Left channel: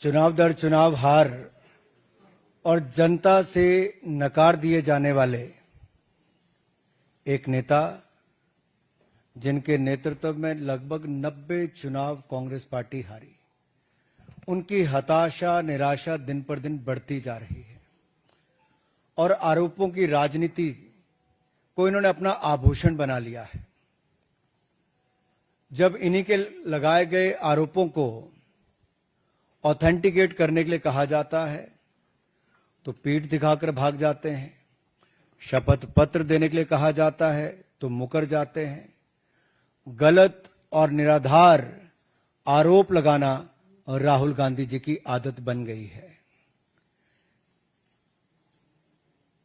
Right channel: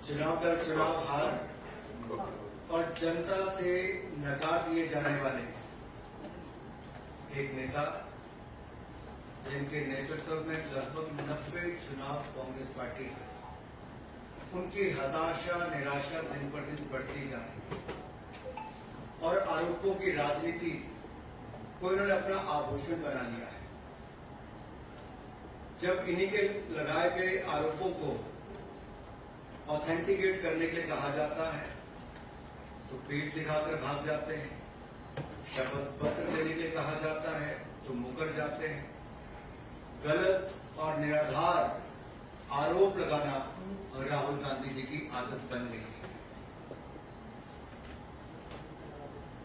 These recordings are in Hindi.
चुनाव दर चुनाव हार और जनता से नकार दिए जाने वाले एक नेता जिनके नेतृत्व में लगभग 90 चुनाव कांग्रेस पार्टी हारी, उनकी हताशा निराशा दिन पर दिन बढ़ती जा रही है और आरोपों की राजनीति को इन्होंने अपना आभूषण बना लिया है। जब इन्हीं के लगाए गए आरोपों को ऑथेंटिकेट करने के लिए कहा जाता है तो पीठ दिखाकर भाग जाते हैं, शपथ पत्र देने के लिए कहा जाता है तो मुकर जाते हैं। गलत और निराधार आरोप लगाना राहुल गांधी जी की आदत बन गई है।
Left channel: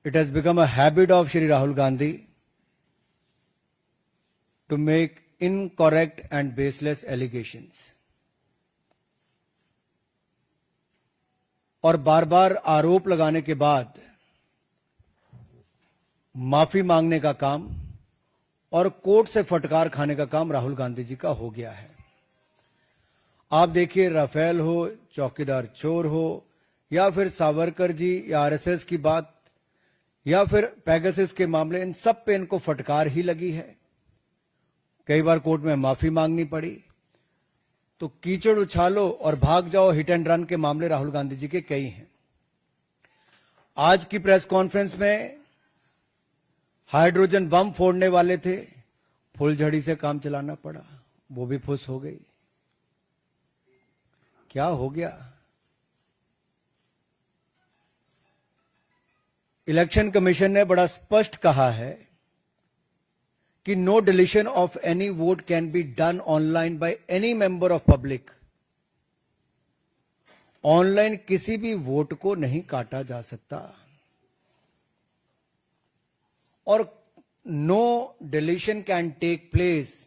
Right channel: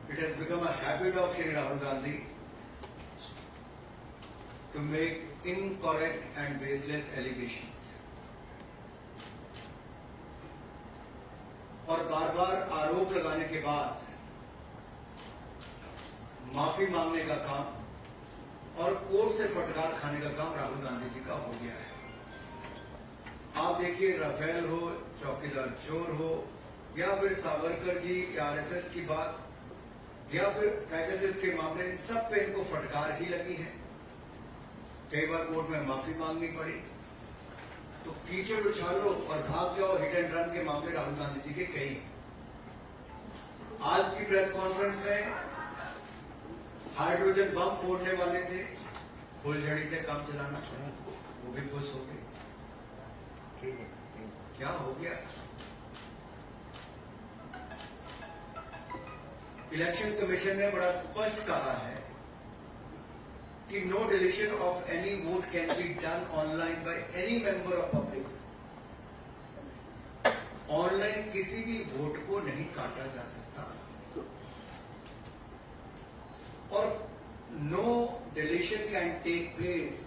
It has become a habit of Shri Rahul Gandhi to make incorrect and baseless allegations और बार बार आरोप लगाने के बाद माफी मांगने का काम और कोर्ट से फटकार खाने का काम राहुल गांधी जी का हो गया है। आप देखिए, राफेल हो, चौकीदार चोर हो, या फिर सावरकर जी या आरएसएस की बात, या फिर पेगासस के मामले, इन सब पे इनको फटकार ही लगी है। कई बार कोर्ट में माफी मांगनी पड़ी। तो कीचड़ उछालो और भाग जाओ हिट एंड रन के मामले राहुल गांधी जी के कई हैं। आज की प्रेस कॉन्फ्रेंस में हाइड्रोजन बम फोड़ने वाले थे, फुलझड़ी से काम चलाना पड़ा, वो भी फुस हो गई। क्या हो गया? इलेक्शन कमीशन ने बड़ा स्पष्ट कहा है कि no deletion of any vote can be done online by any member of public. Online किसी भी वोट को नहीं काटा जा सकता और no deletion can take place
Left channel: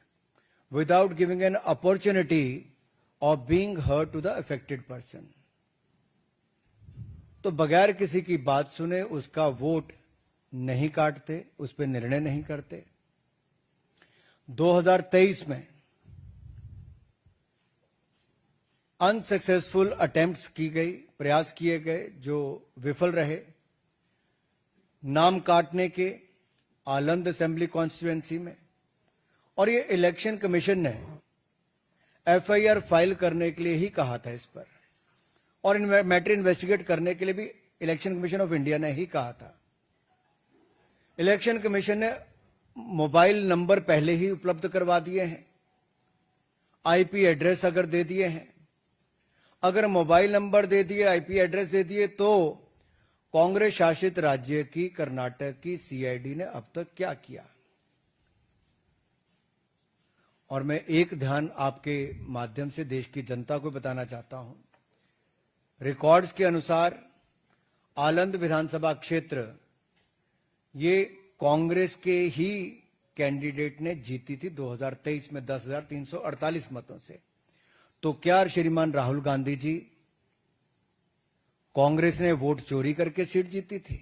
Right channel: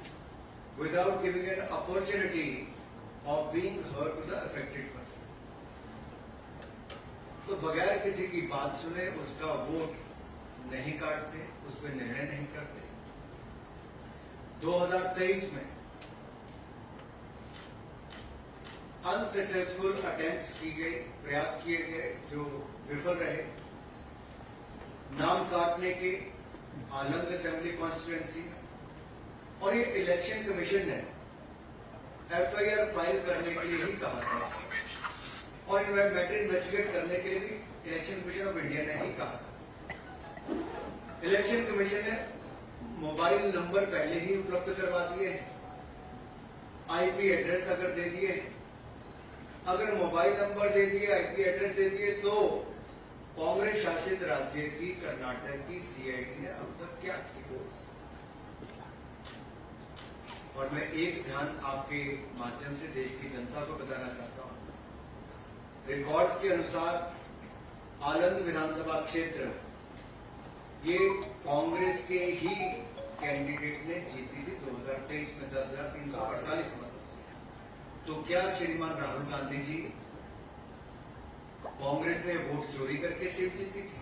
without giving an opportunity of being heard to the affected person. तो बगैर किसी की बात सुने उसका वोट नहीं काटते, उस पर निर्णय नहीं करते। 2023 में अनसक्सेसफुल अटेम्प्ट्स की गई, प्रयास किए गए जो विफल रहे, नाम काटने के आलंद असेंबली कॉन्स्टिट्यूएंसी में। और ये इलेक्शन कमीशन ने एफआईआर फाइल करने के लिए ही कहा था इस पर, और मैटर इन्वेस्टिगेट करने के लिए भी इलेक्शन कमीशन ऑफ इंडिया ने ही कहा था। इलेक्शन कमीशन ने मोबाइल नंबर पहले ही उपलब्ध करवा दिए हैं, आईपी एड्रेस अगर दे दिए हैं, अगर मोबाइल नंबर दे दिए, आईपी एड्रेस दे दिए, तो कांग्रेस शासित राज्य की कर्नाटक की सीआईडी ने अब तक क्या किया? और मैं एक ध्यान आपके माध्यम से देश की जनता को बताना चाहता हूं। रिकॉर्ड्स के अनुसार आलंद विधानसभा क्षेत्र ये कांग्रेस के ही कैंडिडेट ने जीती थी 2023 में 10,348 मतों से। तो क्या श्रीमान राहुल गांधी जी, कांग्रेस ने वोट चोरी करके सीट जीती थी?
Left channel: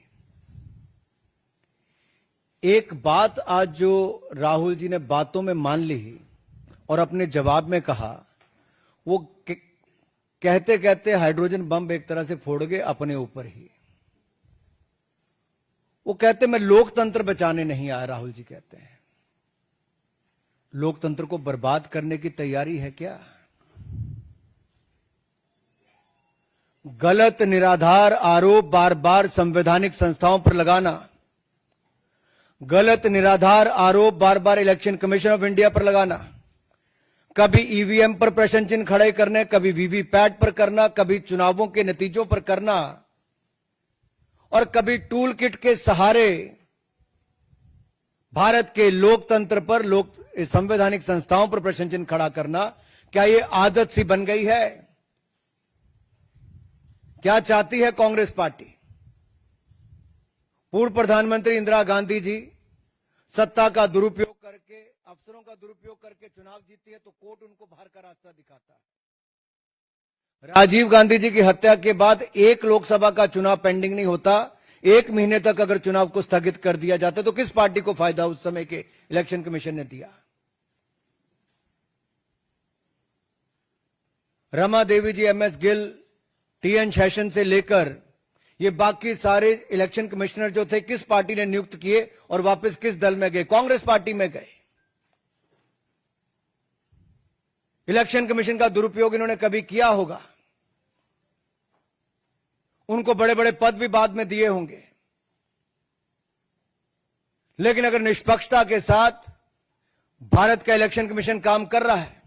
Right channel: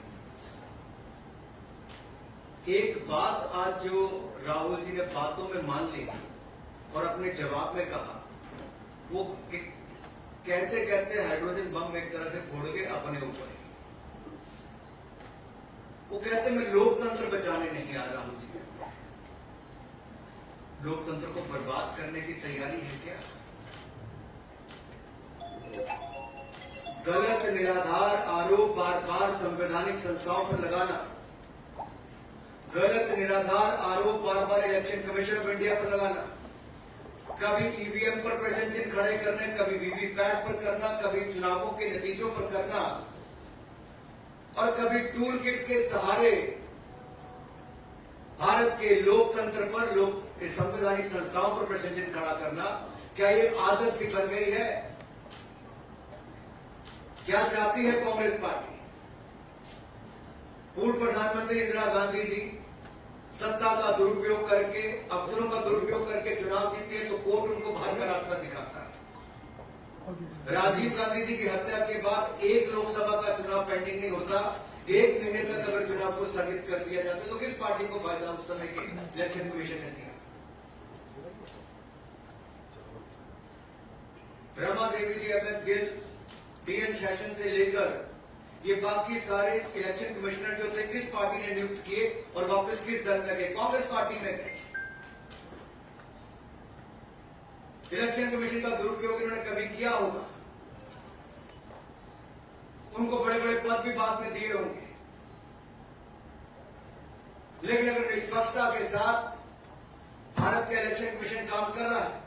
एक बात आज जो राहुल जी ने बातों में मान ली और अपने जवाब में कहा, वो कहते कहते हाइड्रोजन बम एक तरह से फोड़ गए अपने ऊपर ही। वो कहते मैं लोकतंत्र बचाने नहीं आया। राहुल जी कहते हैं लोकतंत्र को बर्बाद करने की तैयारी है क्या? गलत निराधार आरोप बार बार संवैधानिक संस्थाओं पर लगाना, गलत निराधार आरोप बार बार इलेक्शन कमीशन ऑफ इंडिया पर लगाना, कभी ईवीएम पर प्रश्न चिन्ह खड़े करने, कभी वीवीपैट पर करना, कभी चुनावों के नतीजों पर करना, और कभी टूल किट के सहारे भारत के लोकतंत्र पर, संवैधानिक संस्थाओं पर प्रश्न चिन्ह खड़ा करना, क्या यह आदत सी बन गई है? क्या चाहती है कांग्रेस पार्टी? पूर्व प्रधानमंत्री इंदिरा गांधी जी सत्ता का दुरुपयोग करके, अवसरों का दुरुपयोग करके चुनाव जीते हैं तो कोर्ट उनको बाहर का रास्ता दिखाता है। राजीव गांधी जी की हत्या के बाद एक लोकसभा का चुनाव पेंडिंग नहीं होता, 1 महीने तक अगर चुनाव को स्थगित कर दिया जाता तो किस पार्टी को फायदा उस समय के इलेक्शन कमीशन ने दिया? रमा देवी जी, एमएस गिल, टीएन शेषन से लेकर ये बाकी सारे इलेक्शन कमिश्नर जो थे किस पार्टी ने नियुक्त किए और वापस किस दल में गए? कांग्रेस पार्टी में गए। इलेक्शन कमीशन का दुरुपयोग इन्होंने कभी किया होगा, उनको बड़े बड़े पद भी बाद में दिए होंगे, लेकिन अगर निष्पक्षता के साथ भारत का इलेक्शन कमीशन काम कर रहा है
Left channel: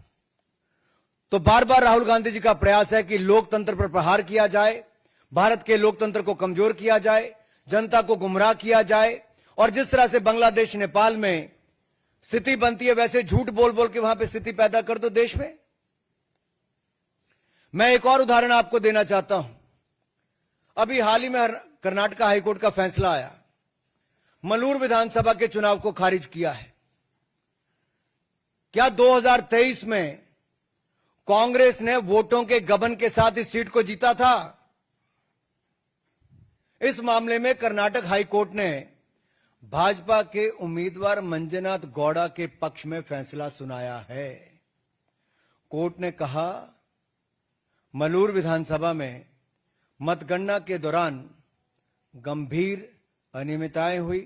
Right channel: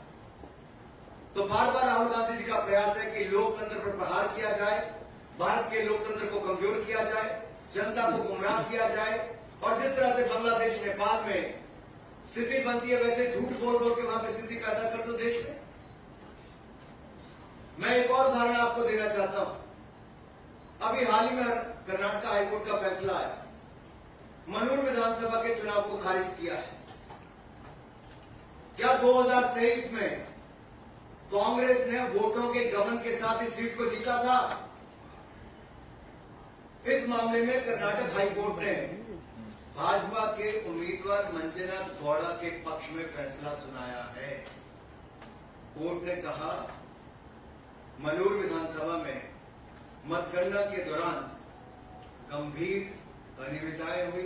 तो बार बार राहुल गांधी जी का प्रयास है कि लोकतंत्र पर प्रहार किया जाए, भारत के लोकतंत्र को कमजोर किया जाए, जनता को गुमराह किया जाए, और जिस तरह से बांग्लादेश नेपाल में स्थिति बनती है वैसे झूठ बोल बोल के वहां पे स्थिति पैदा कर दो देश में। मैं एक और उदाहरण आपको देना चाहता हूं। अभी हाल ही में कर्नाटक हाईकोर्ट का फैसला आया, मलूर विधानसभा के चुनाव को खारिज किया है। क्या 2023 में कांग्रेस ने वोटों के गबन के साथ इस सीट को जीता था? इस मामले में कर्नाटक हाईकोर्ट ने भाजपा के उम्मीदवार मंजुनाथ गौड़ा के पक्ष में फैसला सुनाया है। कोर्ट ने कहा मलूर विधानसभा में मतगणना के दौरान गंभीर अनियमितताएं हुई।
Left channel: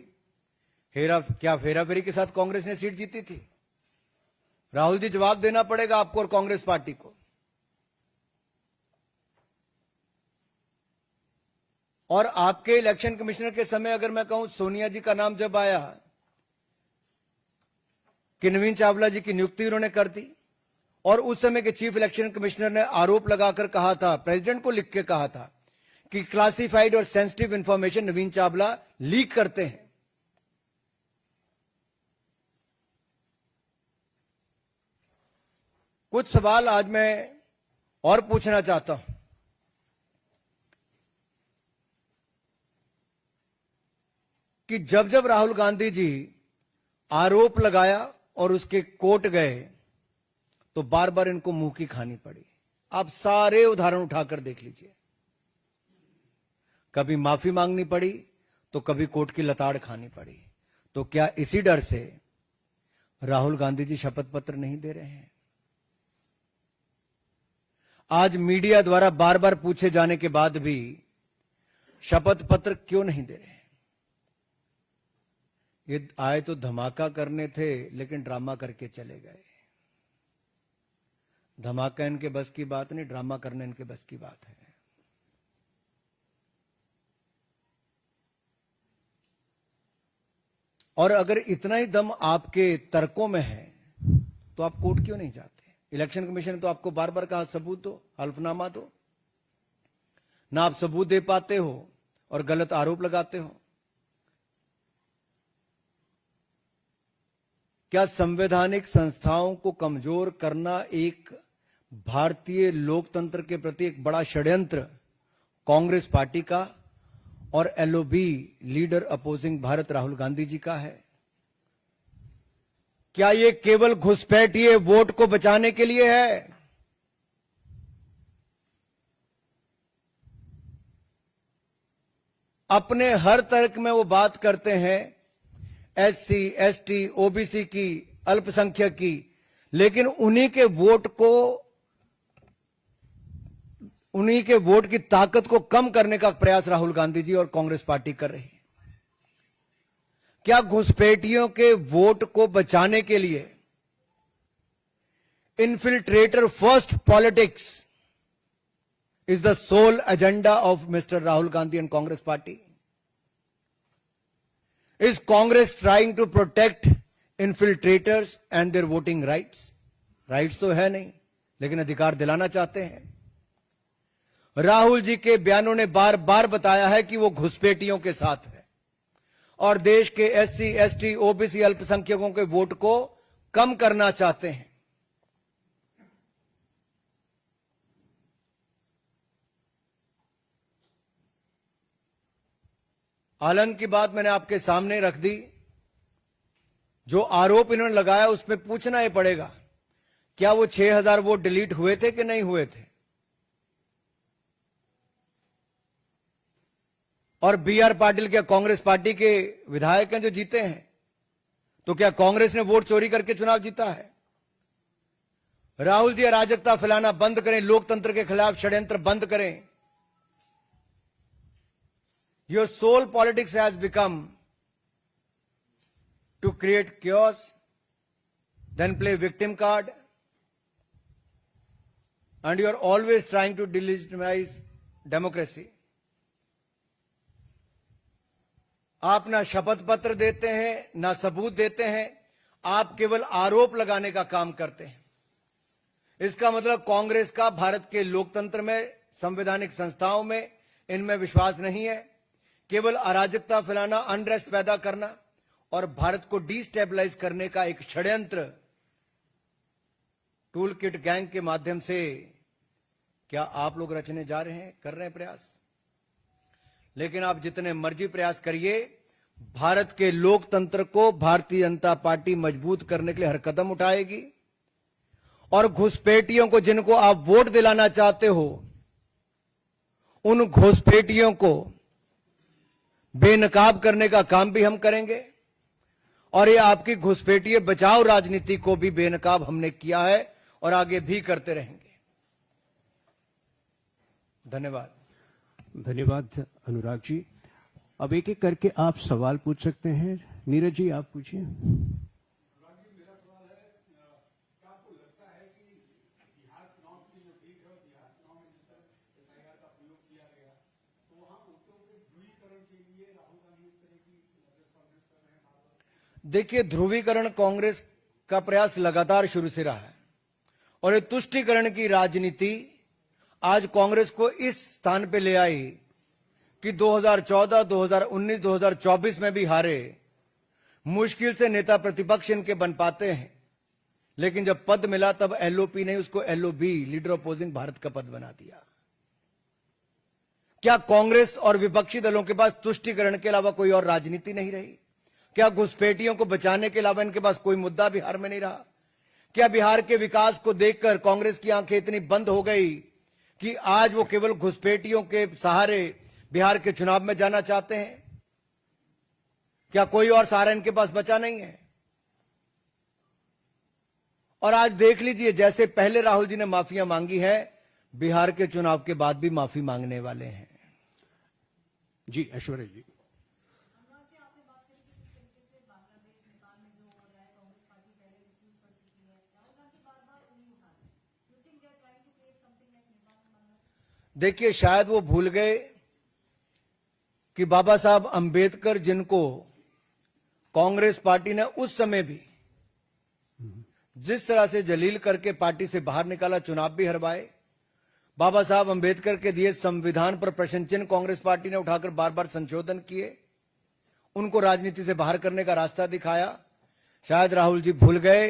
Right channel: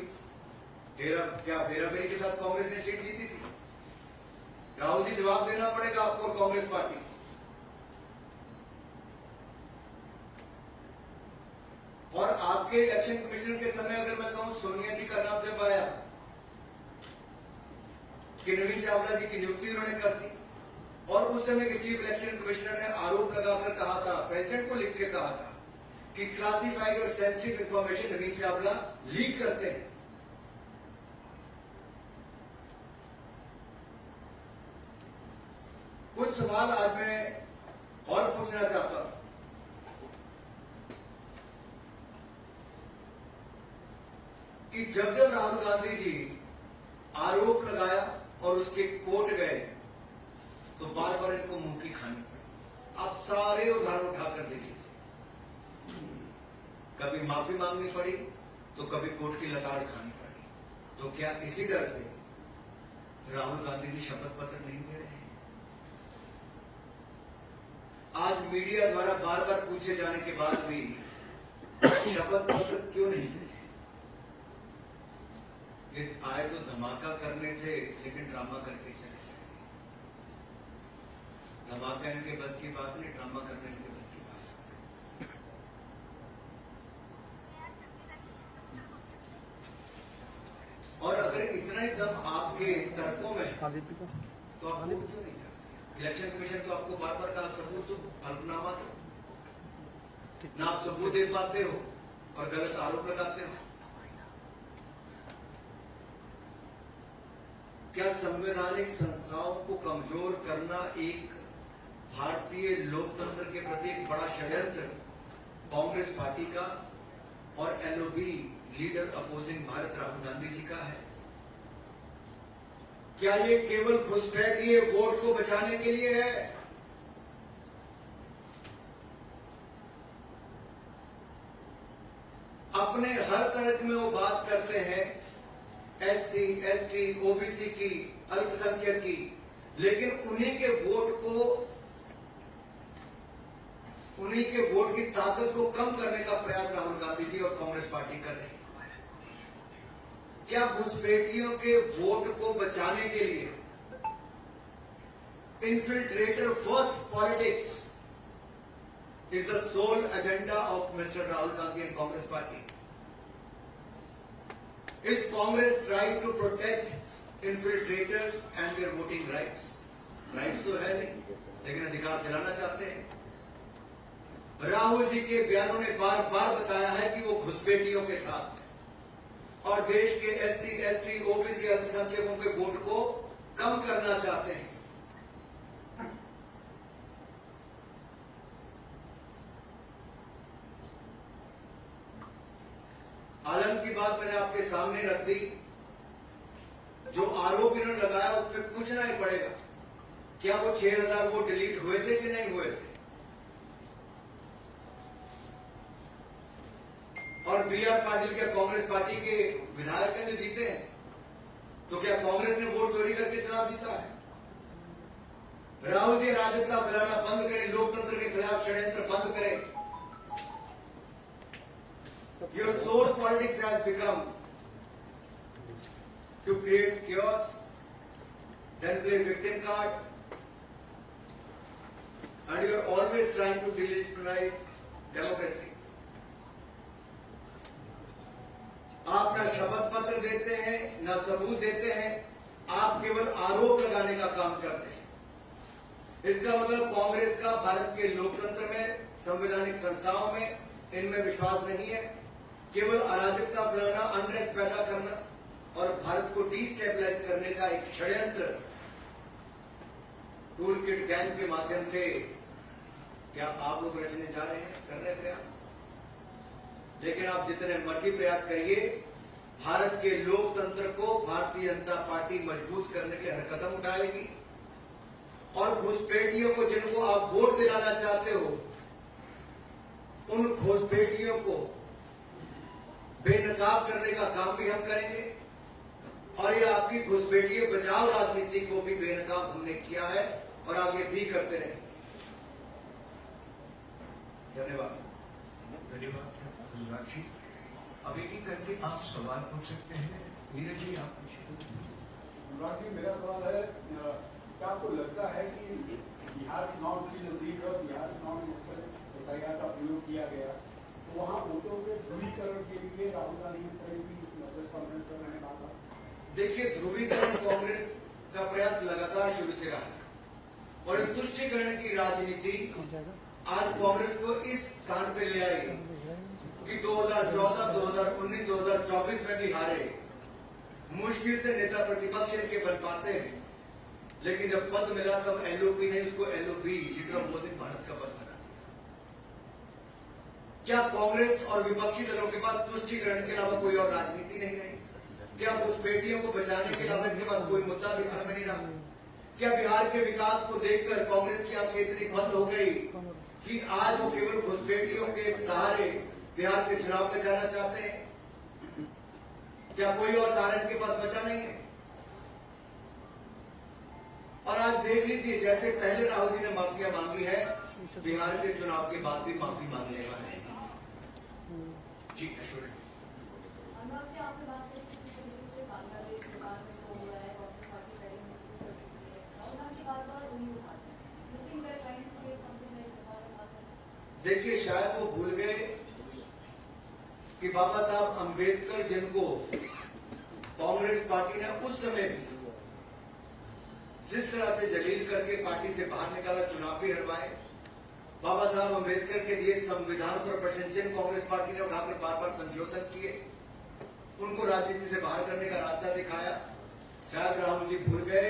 क्या फेराफेरी के साथ कांग्रेस ने सीट जीती थी? राहुल जी, जवाब देना पड़ेगा आपको और कांग्रेस पार्टी को। और आपके इलेक्शन कमिश्नर के समय अगर मैं कहूं, सोनिया जी का नाम जब आया कि नवीन चावला जी की नियुक्ति उन्होंने कर दी, और उस समय के चीफ इलेक्शन कमिश्नर ने आरोप लगाकर कहा था, प्रेसिडेंट को लिख के कहा था कि क्लासिफाइड और सेंसिटिव इंफॉर्मेशन नवीन चावला लीक करते हैं। कुछ सवाल आज मैं और पूछना चाहता हूं कि जब जब राहुल गांधी जी आरोप लगाया और उसके कोर्ट गए तो बार बार इनको मुंह की खानी पड़ी। आप सारे उदाहरण उठाकर देख लीजिए, कभी माफी मांगनी पड़ी तो कभी कोर्ट की लताड़ खानी पड़ी। तो क्या इसी डर से राहुल गांधी जी शपथ पत्र नहीं दे रहे हैं? आज मीडिया द्वारा बार बार पूछे जाने के बाद भी शपथ पत्र क्यों नहीं दे रहे? ये आए तो धमाका करने थे, लेकिन ड्रामा करके चले गए। धमाका इनके बस की बात नहीं, ड्रामा करने इनके बस की बात है। और अगर इतना ही दम आपके तर्कों में है तो आप कोर्ट क्यों नहीं जाते? इलेक्शन कमीशन तो आपको बार बार कहा सबूत दो, हल्फनामा दो, ना आप सबूत दे पाते हो और गलत आरोप लगाते हो। क्या संवैधानिक संस्थाओं को कमजोर करना एक भारतीय लोकतंत्र के प्रति एक बड़ा षड्यंत्र कांग्रेस पार्टी का और LOB leader opposing Bharat Rahul Gandhi ji का है? क्या ये केवल घुसपैठिए वोट को बचाने के लिए है? अपने हर तर्क में वो बात करते हैं एससी, एसटी, ओबीसी की, अल्पसंख्यक की, लेकिन उन्हीं के वोट की ताकत को कम करने का प्रयास राहुल गांधी जी और कांग्रेस पार्टी कर रहे हैं। क्या घुसपैठियों के वोट को बचाने के लिए infiltrator first politics is the sole agenda of mister Rahul Gandhi and Congress party? Is Congress trying to protect infiltrators and their voting rights? Rights तो है नहीं, लेकिन अधिकार दिलाना चाहते हैं। राहुल जी के बयानों ने बार बार बताया है कि वो घुसपैठियों के साथ है और देश के एससी, एसटी, ओबीसी, अल्पसंख्यकों के वोट को कम करना चाहते हैं। आलम की बात मैंने आपके सामने रख दी। जो आरोप इन्होंने लगाया उस पर पूछना ही पड़ेगा, क्या वो 6000 वोट डिलीट हुए थे कि नहीं हुए थे? और बीआर पाटिल क्या कांग्रेस पार्टी के विधायक हैं जो जीते हैं? तो क्या कांग्रेस ने वोट चोरी करके चुनाव जीता है? राहुल जी अराजकता फैलाना बंद करें, लोकतंत्र के खिलाफ षड्यंत्र बंद करें। Your sole politics has become to create chaos, then play victim card, and you are always trying to delegitimize democracy. आप ना शपथ पत्र देते हैं, ना सबूत देते हैं, आप केवल आरोप लगाने का काम करते हैं। इसका मतलब कांग्रेस का भारत के लोकतंत्र में, संवैधानिक संस्थाओं में, इनमें विश्वास नहीं है। केवल अराजकता फैलाना, अनरेस्ट पैदा करना और भारत को डिस्टेबलाइज करने का एक षड्यंत्र टूल किट गैंग के माध्यम से क्या आप लोग रचने जा रहे हैं, कर रहे हैं प्रयास? लेकिन आप जितने मर्जी प्रयास करिए, भारत के लोकतंत्र को भारतीय जनता पार्टी मजबूत करने के लिए हर कदम उठाएगी और घुसपैठियों को, जिनको आप वोट दिलाना चाहते हो, उन घुसपैठियों को बेनकाब करने का काम भी हम करेंगे। और ये आपकी घुसपैठिए बचाओ राजनीति को भी बेनकाब हमने किया है और आगे भी करते रहेंगे। धन्यवाद। धन्यवाद अनुराग जी। अब एक एक करके आप सवाल पूछ सकते हैं। नीरज जी, आप पूछिए। अनुराग जी, मेरा सवाल है, क्या आपको लगता है कि बिहार चुनाव की नजदीक और बिहार चुनाव में SIR का प्रयोग किया गया, तो वहाँ वोटों के ध्रुवीकरण के लिए राहुल गांधी इस तरह की प्रेस कॉन्फ्रेंस कर रहे हैं? देखिए, ध्रुवीकरण कांग्रेस का प्रयास लगातार शुरू से रहा है और ये तुष्टीकरण की राजनीति आज कांग्रेस को इस स्थान पे ले आई कि 2014, 2019, 2024 में भी हारे। मुश्किल से नेता प्रतिपक्ष इनके बन पाते हैं, लेकिन जब पद मिला तब LOP ने उसको LOB, लीडर अपोजिंग भारत का पद बना दिया। क्या कांग्रेस और विपक्षी दलों के पास तुष्टीकरण के अलावा कोई और राजनीति नहीं रही? क्या घुसपैठियों को बचाने के अलावा इनके पास कोई मुद्दा बिहार में नहीं रहा? क्या बिहार के विकास को देखकर कांग्रेस की आंखें इतनी बंद हो गई कि आज वो केवल घुसपैठियों के सहारे बिहार के चुनाव में जाना चाहते हैं? क्या कोई और सहारा इनके पास बचा नहीं है? और आज देख लीजिए, जैसे पहले राहुल जी ने माफिया मांगी है, बिहार के चुनाव के बाद भी माफी मांगने वाले हैं। जी ऐश्वर्या जी। देखिए, शायद वो भूल गए कि बाबा साहब अंबेडकर, जिनको कांग्रेस पार्टी ने उस समय भी जिस तरह से जलील करके पार्टी से बाहर निकाला, चुनाव भी हरवाए, बाबा साहब अंबेडकर के दिए संविधान पर प्रश्न चिन्ह कांग्रेस पार्टी ने उठाकर बार बार संशोधन किए, उनको राजनीति से बाहर करने का रास्ता दिखाया। शायद राहुल जी भूल गए,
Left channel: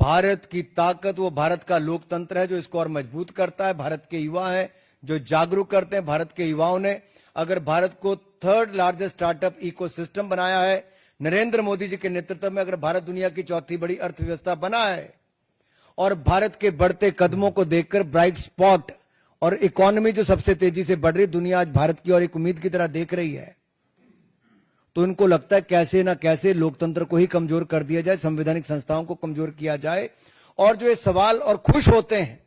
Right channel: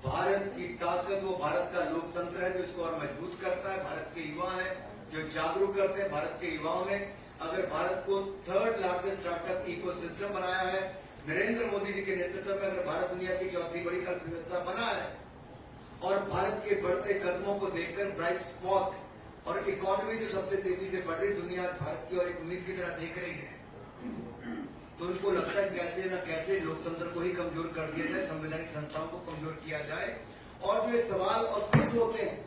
भारत की ताकत वो भारत का लोकतंत्र है जो इसको और मजबूत करता है। भारत के युवा हैं जो जागरूक करते हैं। भारत के युवाओं ने अगर भारत को थर्ड लार्जेस्ट स्टार्टअप इकोसिस्टम बनाया है, नरेंद्र मोदी जी के नेतृत्व में अगर भारत दुनिया की चौथी बड़ी अर्थव्यवस्था बना है और भारत के बढ़ते कदमों को देखकर ब्राइट स्पॉट और इकोनॉमी जो सबसे तेजी से बढ़ रही, दुनिया आज भारत की और एक उम्मीद की तरह देख रही है, तो इनको लगता है कैसे ना कैसे लोकतंत्र को ही कमजोर कर दिया जाए, संवैधानिक संस्थाओं को कमजोर किया जाए। और जो ये सवाल और खुश होते हैं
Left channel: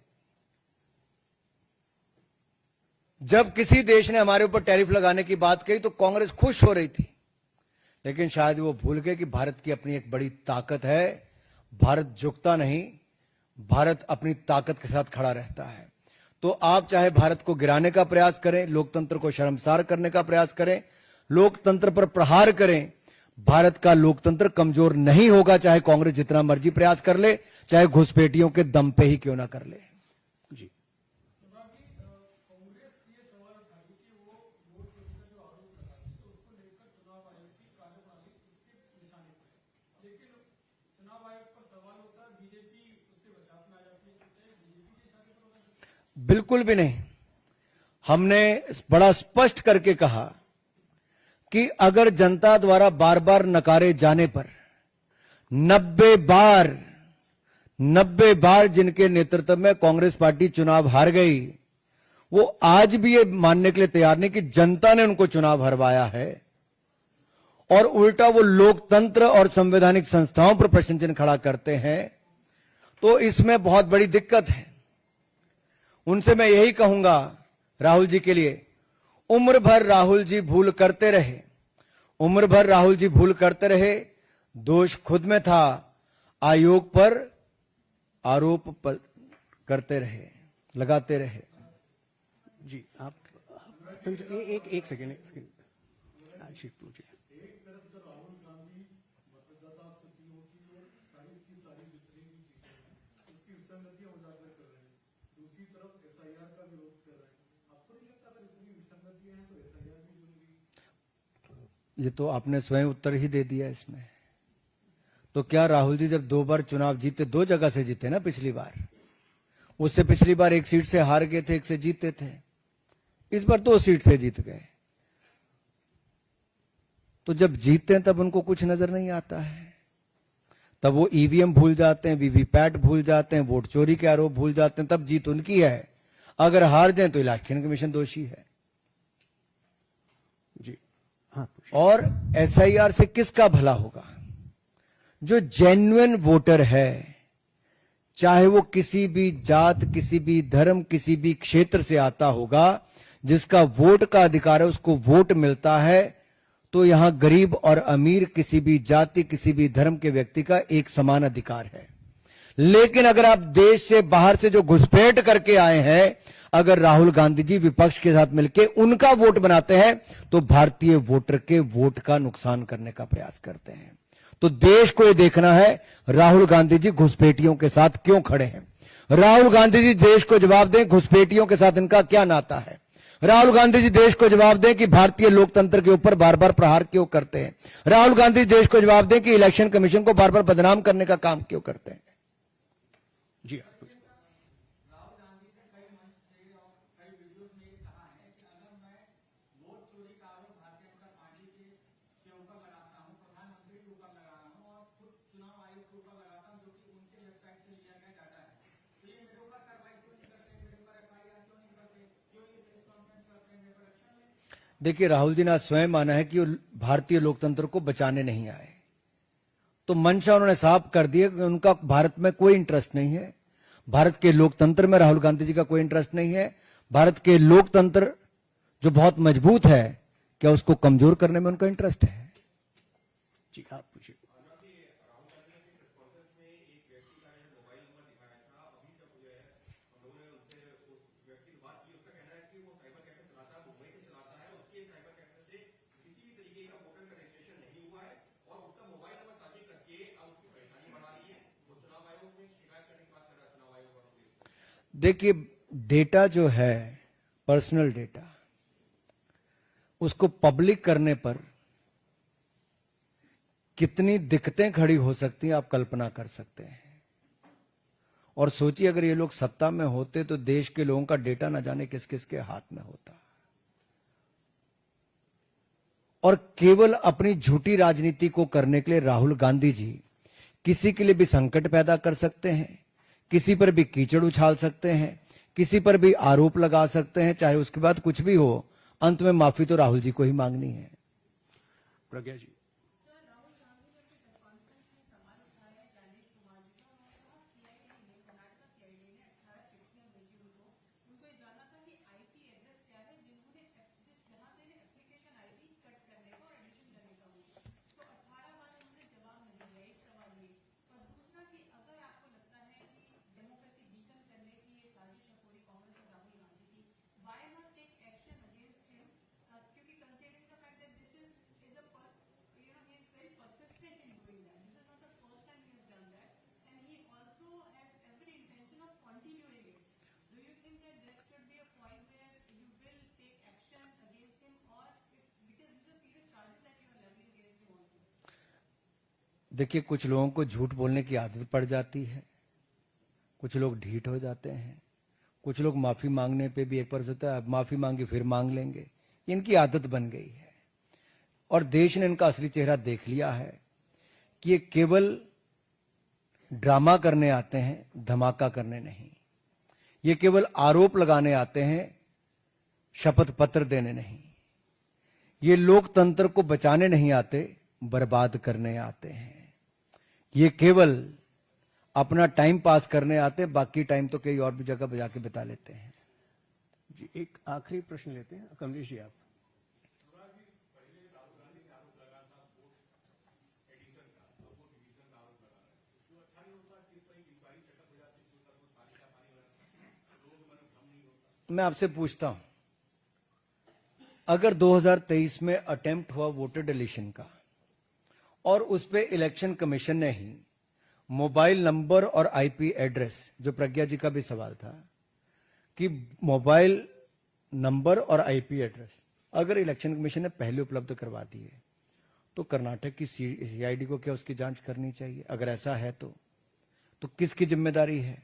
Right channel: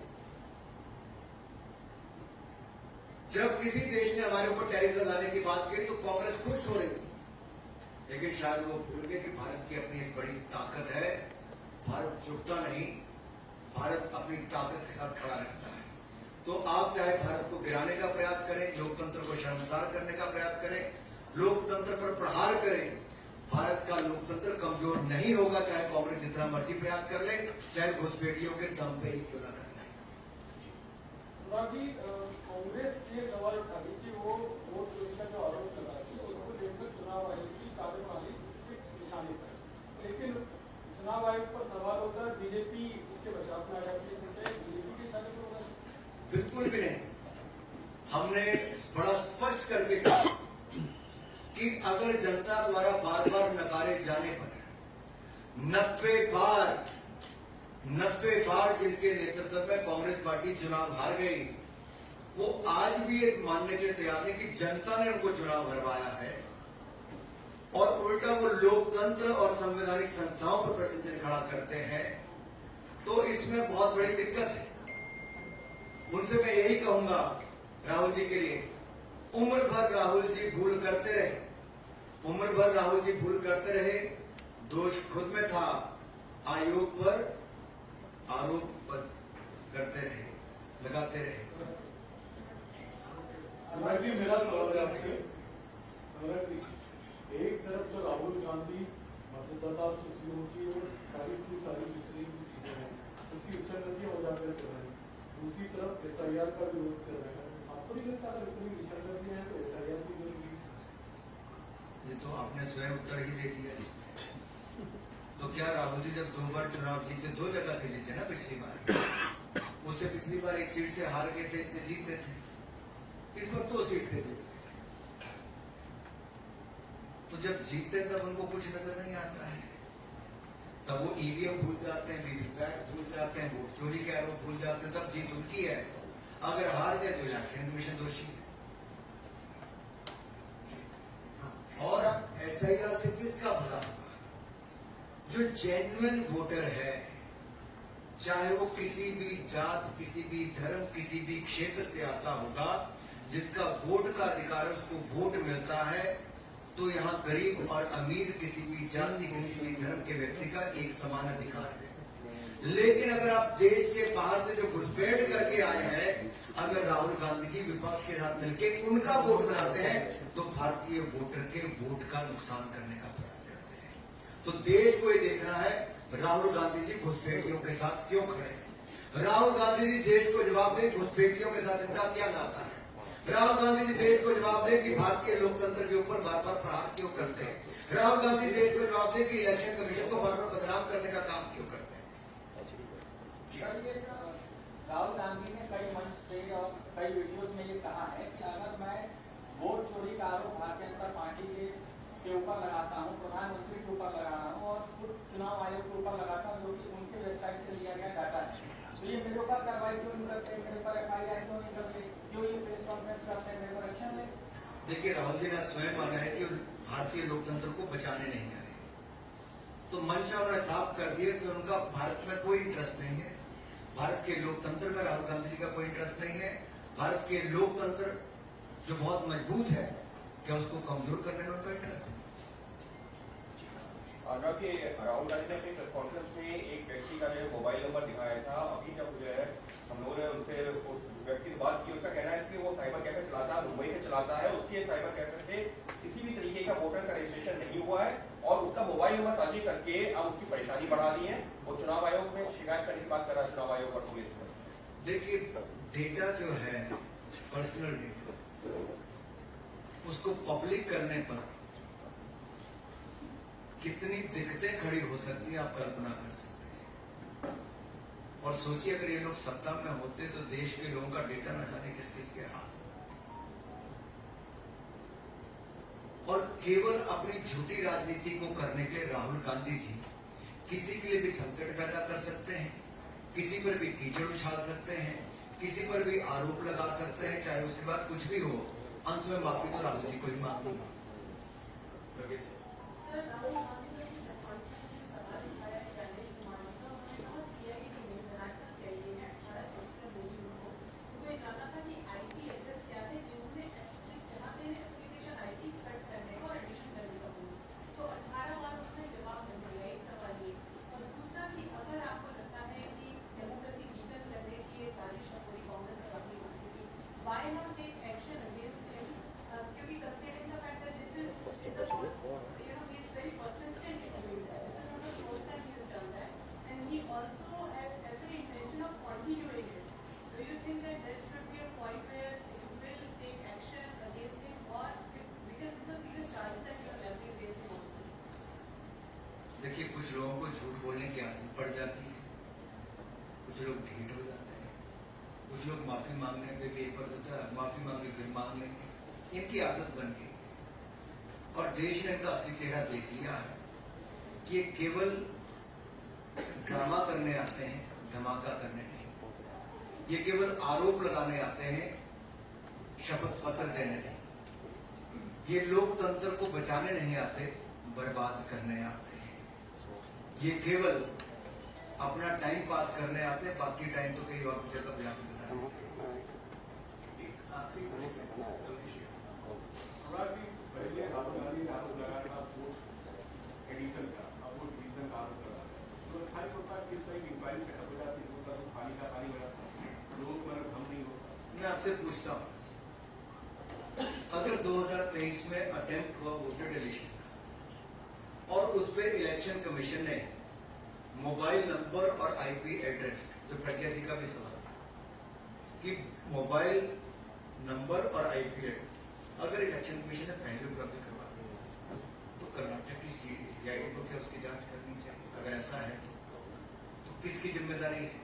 जब किसी देश ने हमारे ऊपर टैरिफ लगाने की बात कही तो कांग्रेस खुश हो रही थी, लेकिन शायद वो भूल गए कि भारत की अपनी एक बड़ी ताकत है। भारत झुकता नहीं, भारत अपनी ताकत के साथ खड़ा रहता है। तो आप चाहे भारत को गिराने का प्रयास करें, लोकतंत्र को शर्मसार करने का प्रयास करें, लोकतंत्र पर प्रहार करें, भारत का लोकतंत्र कमजोर नहीं होगा, चाहे कांग्रेस जितना मर्जी प्रयास कर ले, चाहे घुसपैठियों के दम पे ही क्यों ना कर ले। बिल्कुल भी नहीं। हमने बड़ा स्पष्ट करके कहा कि अगर जनता द्वारा बार बार नकारे जाने पर 90 बार जिनके नेतृत्व में कांग्रेस पार्टी चुनाव हार गई, वो आज भी ये मानने के लिए तैयार नहीं कि जनता ने उनको चुनाव हरवाया है, और उल्टा वो लोकतंत्र और संवैधानिक संस्थाओं पर प्रश्न चिन्ह खड़ा करते हैं, तो इसमें बहुत बड़ी दिक्कत है। उनसे मैं यही कहूंगा राहुल जी के लिए उम्र भर राहुल जी भूल करते रहे, उम्र भर राहुल जी भूल करते रहे। दोष खुद में था, आयोग पर आरोप पर करते रहे, लगाते रहे। जी आप अनुराग जी, एक सेकंड। अनुराग जी, एक तरफ तो राहुल गांधी मतदाता सूचियों की और सारी की सारी जितनी भी चीजें हैं उसकी विसंगतियां उजागर कर रहे हैं, दूसरी तरफ एसआईआर का विरोध कर रहे हैं। आपको नहीं लगता अगर इतनी विसंगतियां हैं तो एसआईआर की जरूरी है? ये तो आपने स्वयं उत्तर ही दे दिया इसमें। तो क्या राहुल जी जब 2 बार चुनाव जीते, 2 जगह से जीते ना, पिछली बार, उससे पिछली बार 1 सीट से हार गए थे, 1 से जीते थे, इस बार 2 सीट से जीत गए। तो जब जीतते हैं तब उनको कुछ नजर नहीं आता है, तब वो ईवीएम भूल जाते हैं, वीवीपैट भूल जाते हैं, वोट चोरी के आरोप भूल जाते हैं, तब जीत उनकी है। अगर हार जाए तो इलेक्शन कमीशन दोषी है। हाँ, और एसआईआर से किसका भला होगा? जो जेन्युइन वोटर है, चाहे वो किसी भी जात, किसी भी धर्म, किसी भी क्षेत्र से आता होगा, जिसका वोट का अधिकार है, उसको वोट मिलता है। तो यहां गरीब और अमीर, किसी भी जाति, किसी भी धर्म के व्यक्ति का एक समान अधिकार है। लेकिन अगर आप देश से बाहर से जो घुसपैठ करके आए हैं, अगर राहुल गांधी जी विपक्ष के साथ मिलकर उनका वोट बनाते हैं, तो भारतीय वोटर के वोट का नुकसान करने का प्रयास करते हैं। तो देश को यह देखना है, राहुल गांधी जी घुसपैठियों के साथ क्यों खड़े हैं। राहुल गांधी जी देश को जवाब दें, घुसपैठियों के साथ इनका क्या नाता है। राहुल गांधी जी देश को जवाब दें कि भारतीय लोकतंत्र के ऊपर बार बार प्रहार क्यों करते हैं। राहुल गांधी देश को जवाब दें कि इलेक्शन कमीशन को बार बार बदनाम करने का काम क्यों करते हैं। जी राहुल गांधी ने कई मंच पे और कई वीडियोस में ये कहा है कि अगर मैं वोट चोरी का आरोप भारतीय जनता पार्टी के ऊपर लगाता हूं, प्रधानमंत्री के ऊपर लगा रहा हूं और खुद चुनाव आयोग के ऊपर लगाता हूं, जो कि उनकी वेबसाइट से लिया गया डाटा है, तो ये मेरे ऊपर कार्रवाई क्यों नहीं करते, मेरे ऊपर एफआईआर क्यों नहीं करते, क्यों ये प्रेस कॉन्फ्रेंस करते हैं, मेरे पर एक्शन ले। देखिए, राहुल जी ने आज स्वयं माना है कि वो भारतीय लोकतंत्र को बचाने नहीं आए। तो मंशा उन्होंने साफ कर दिया कि उनका भारत में कोई इंटरेस्ट नहीं है। भारत के लोकतंत्र में राहुल गांधी जी का कोई इंटरेस्ट नहीं है। भारत के लोकतंत्र जो बहुत मजबूत है, क्या उसको कमजोर करने में उनका इंटरेस्ट है। राहुल गांधी ने अपनी प्रेस कॉन्फ्रेंस में एक व्यक्ति का जो है मोबाइल नंबर दिखाया था। अभी जब जो है हम लोगों ने उनसे उस व्यक्ति से बात की, उसका कहना है कि वो साइबर कैफे चलाता है, मुंबई में चलाता है, उसके साइबर कैफे से किसी भी तरीके का वोटर का रजिस्ट्रेशन नहीं हुआ है और उसका मोबाइल नंबर साझी करके अब उसकी परेशानी बढ़ा दी है। वो चुनाव आयोग में शिकायत करने की बात कर रहा है, चुनाव आयोग और पुलिस पर। देखिए, डेटा जो है, पर्सनल डेटा, उसको पब्लिक करने पर कितनी दिक्कतें खड़ी हो सकती हैं, आप कल्पना कर सकते हैं। और सोचिए, अगर ये लोग सत्ता में होते तो देश के लोगों का डेटा न जाने किस किस के हाथ में होता। और केवल अपनी झूठी राजनीति को करने के लिए राहुल गांधी जी किसी के लिए भी संकट पैदा कर सकते हैं, किसी पर भी कीचड़ उछाल सकते हैं, किसी पर भी आरोप लगा सकते हैं, चाहे उसके बाद कुछ भी हो, अंत में माफी तो राहुल जी को ही मांगनी है। प्रज्ञा जी। देखिए, कुछ लोगों को झूठ बोलने की आदत पड़ जाती है, कुछ लोग ढीठ हो जाते हैं, कुछ लोग माफ़ी मांगने पे भी एक बार होता है, माफ़ी मांगी फिर मांग लेंगे, इनकी आदत बन गई है। और देश ने इनका असली चेहरा देख लिया है कि ये केवल ड्रामा करने आते हैं, धमाका करने नहीं। ये केवल आरोप लगाने आते हैं, शपथ पत्र देने नहीं। ये लोकतंत्र को बचाने नहीं आते, बर्बाद करने आते हैं। ये केवल अपना टाइम पास करने आते, बाकी टाइम तो कई और भी जगह बजा के बिता लेते हैं। एक आखिरी प्रश्न लेते हैं कमलेश जी। अनुराग जी, पहले राहुल गांधी ने आरोप लगाया था वोट एडिशन का, अब वोट एडिशन का आरोप लगा रहे हैं। तो खाली होता है कि इस तरह की इंक्वायरी सेटअप हो जाती है, तो पानी का पानी हो जाता है, लोगों को मतलब भ्रम नहीं होता। मैं आपसे पूछता हूं, अगर 2023 में अटेम्प्ट हुआ वोटर डिलीशन का और उस पे इलेक्शन कमीशन ने ही मोबाइल नंबर और आईपी एड्रेस, जो प्रज्ञा जी का भी सवाल था कि मोबाइल नंबर और आईपी एड्रेस अगर इलेक्शन कमीशन ने पहले उपलब्ध करवा दिए तो कर्नाटक की सीआईडी को क्या उसकी जांच करनी चाहिए? अगर ऐसा है तो किसकी जिम्मेदारी है?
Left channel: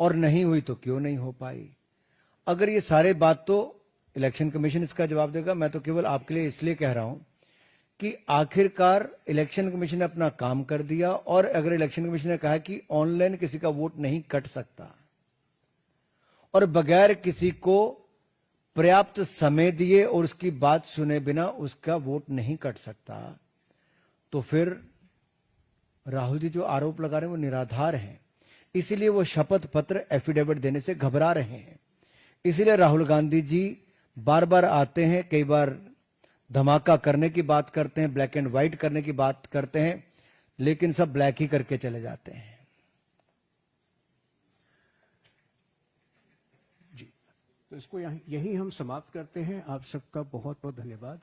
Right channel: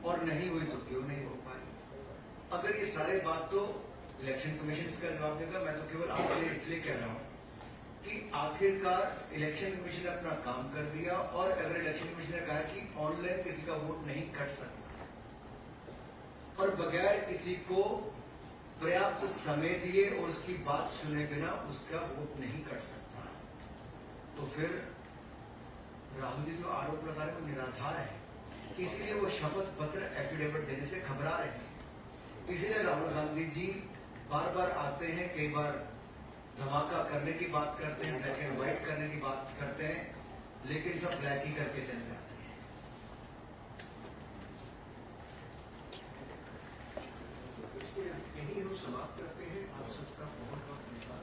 और नहीं हुई तो क्यों नहीं हो पाई? अगर ये सारे बात तो इलेक्शन कमीशन इसका जवाब देगा। मैं तो केवल आपके लिए इसलिए कह रहा हूं कि आखिरकार इलेक्शन कमीशन ने अपना काम कर दिया, और अगर इलेक्शन कमीशन ने कहा कि ऑनलाइन किसी का वोट नहीं कट सकता और बगैर किसी को पर्याप्त समय दिए और उसकी बात सुने बिना उसका वोट नहीं कट सकता, तो फिर राहुल जी जो आरोप लगा रहे हैं वो निराधार है। इसीलिए वो शपथ पत्र एफिडेविट देने से घबरा रहे हैं। इसीलिए राहुल गांधी जी बार बार आते हैं, कई बार धमाका करने की बात करते हैं, ब्लैक एंड व्हाइट करने की बात करते हैं, लेकिन सब ब्लैक ही करके चले जाते हैं। तो इसको यहीं हम समाप्त करते हैं। आप सबका बहुत बहुत धन्यवाद।